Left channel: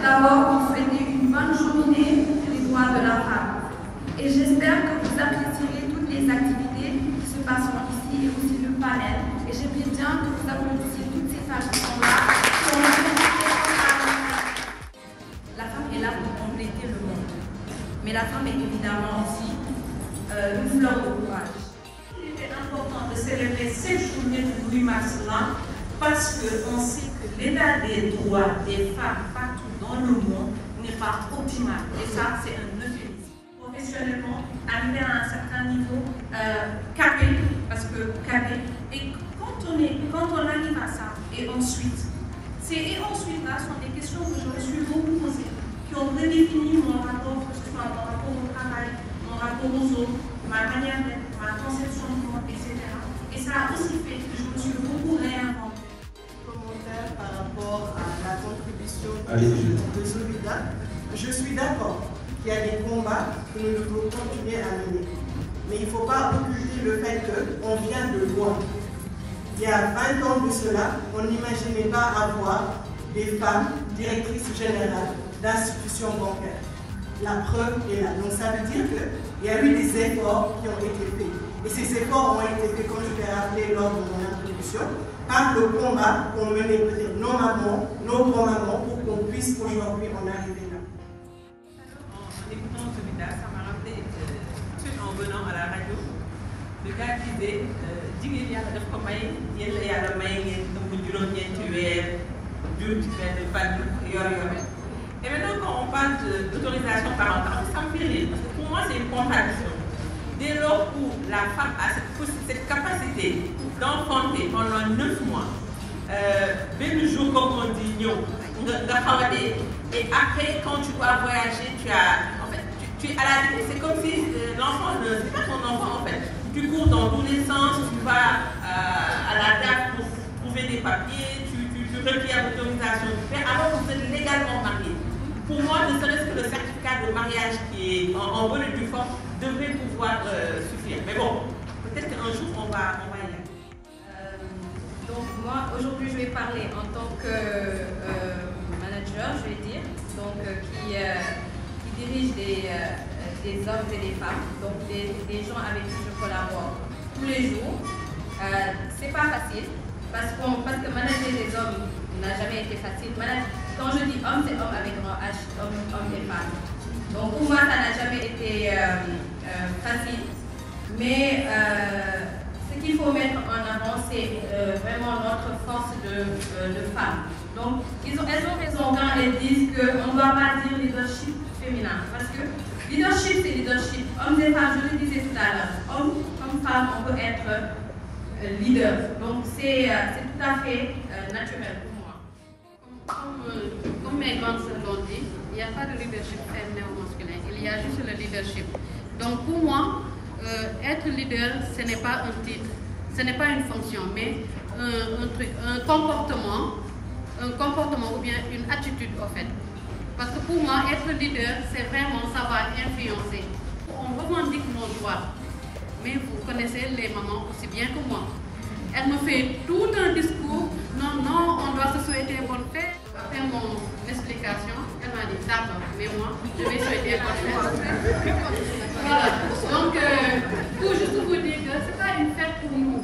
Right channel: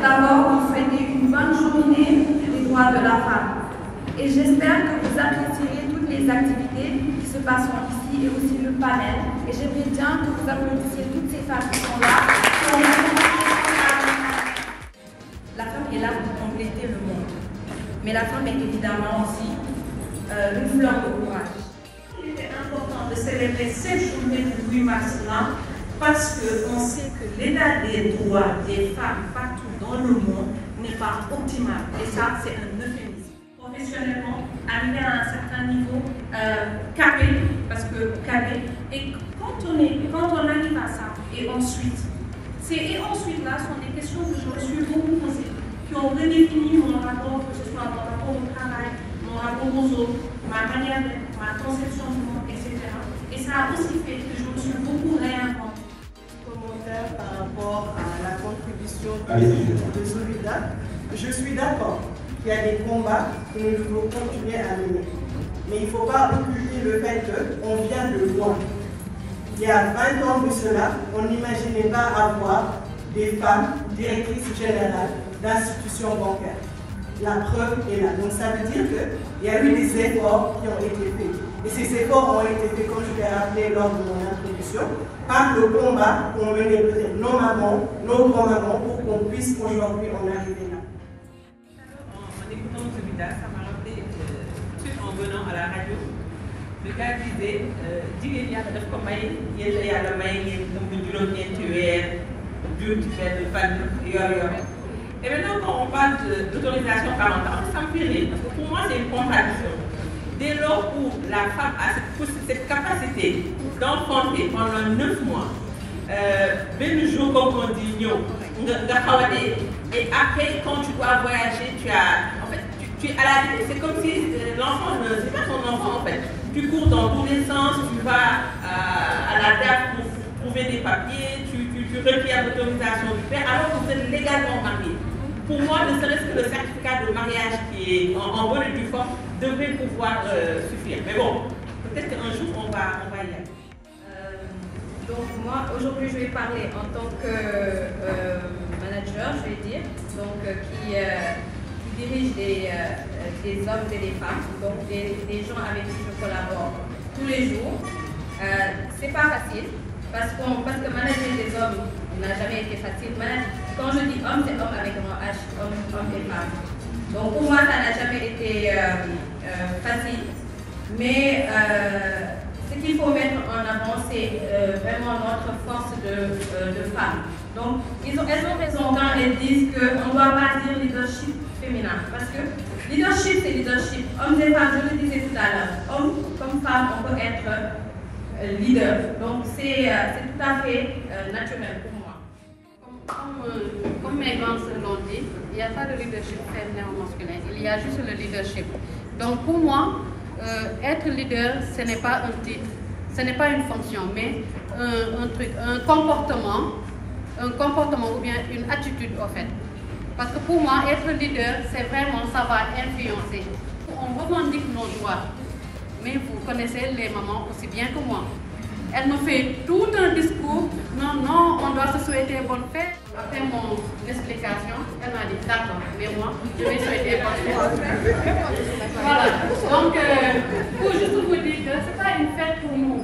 D'abord, vous souhaiter une bonne journée des droits de la femme. Et j'espère que vous apprécierez toutes les activités qui se passeront ici et aussi le panel. Et j'aimerais bien que vous applaudissiez toutes ces femmes qui sont là. La femme est là pour compléter le monde. Mais la femme est évidemment aussi une fleur de courage. Il était important de célébrer cette journée du 8 mars là parce qu'on sait que l'état des droits des femmes partout dans le monde n'est pas optimal. Et ça, c'est un euphémisme. Professionnellement, arriver à un certain niveau, carré, parce que carré, et quand on arrive à ça, et ensuite là sont des questions que je me suis beaucoup posées, qui ont redéfini mon rapport, que ce soit mon rapport au travail, mon rapport aux autres, ma manière d'être, ma conception du monde, etc. Et ça a aussi fait que je me suis beaucoup réinventée. Par rapport à la contribution de Solida, je suis d'accord qu'il y a des combats que nous devons continuer à mener. Mais il ne faut pas occulter le fait qu'on vient de loin. Il y a 20 ans de cela, on n'imaginait pas avoir des femmes directrices générales d'institutions bancaires. La preuve est là. Donc ça veut dire qu'il y a eu des efforts qui ont été faits. Et ces efforts ont été faits, comme je l'ai rappelé lors de mon introduction, par le combat qu'ont mené peut-être nos mamans, nos grands-mamans, pour qu'on puisse aujourd'hui en arriver là. En écoutant Solida, ça m'a rappelé tout en venant à la radio. Le gars disait, jigéen yàlla daf ko may yéen la yàlla may ngeen ëmb juróom-ñeenti weer jur ci benn fan yor-yor. Et maintenant, quand on parle d'autorisation parentale, ça me fait rire, parce que pour moi, c'est une contradiction. Dès lors où la femme a cette capacité d'enfanter pendant 9 mois, ben jour comme on dit, et après, quand tu dois voyager, tu es à la limite, c'est comme si l'enfant, c'est pas ton enfant en fait. Tu cours dans tous les sens, tu vas à la DAF pour trouver des papiers, tu requiers l'autorisation du père, alors que vous êtes légalement marié. Pour moi, ne serait-ce que le certificat de mariage qui est en bonne et due forme devrait pouvoir suffire. Mais bon, peut-être qu'un jour on va y aller. Donc moi, aujourd'hui, je vais parler en tant que manager, je vais dire, donc qui dirige des hommes et des femmes, donc des gens avec qui je collabore tous les jours. C'est pas facile, parce que manager des hommes n'a jamais été facile. Quand je dis homme, c'est homme avec un H, homme et femme. Donc pour moi, ça n'a jamais été facile. Mais ce qu'il faut mettre en avant, c'est vraiment notre force de femmes. Donc elles ont raison quand elles disent qu'on ne doit pas dire leadership féminin. Parce que leadership, c'est leadership. Hommes et femmes, je le disais tout à l'heure. Hommes comme femmes, on peut être leader. Donc c'est tout à fait naturel pour moi. Comme mes grandes sœurs l'ont dit, il n'y a pas de leadership féminin ou masculin, il y a juste le leadership. Donc pour moi, être leader, ce n'est pas un titre, ce n'est pas une fonction, mais un comportement ou bien une attitude en fait. Parce que pour moi, être leader, c'est vraiment, ça va influencer. On revendique nos droits, mais vous connaissez les mamans aussi bien que moi. Elle me fait tout un discours, non, on doit se souhaiter bonne fête. Après mon explication, elle m'a dit d'accord, mais moi, je vais souhaiter bonne fête. Voilà, donc, pour juste vous dire que ce n'est pas une fête pour nous,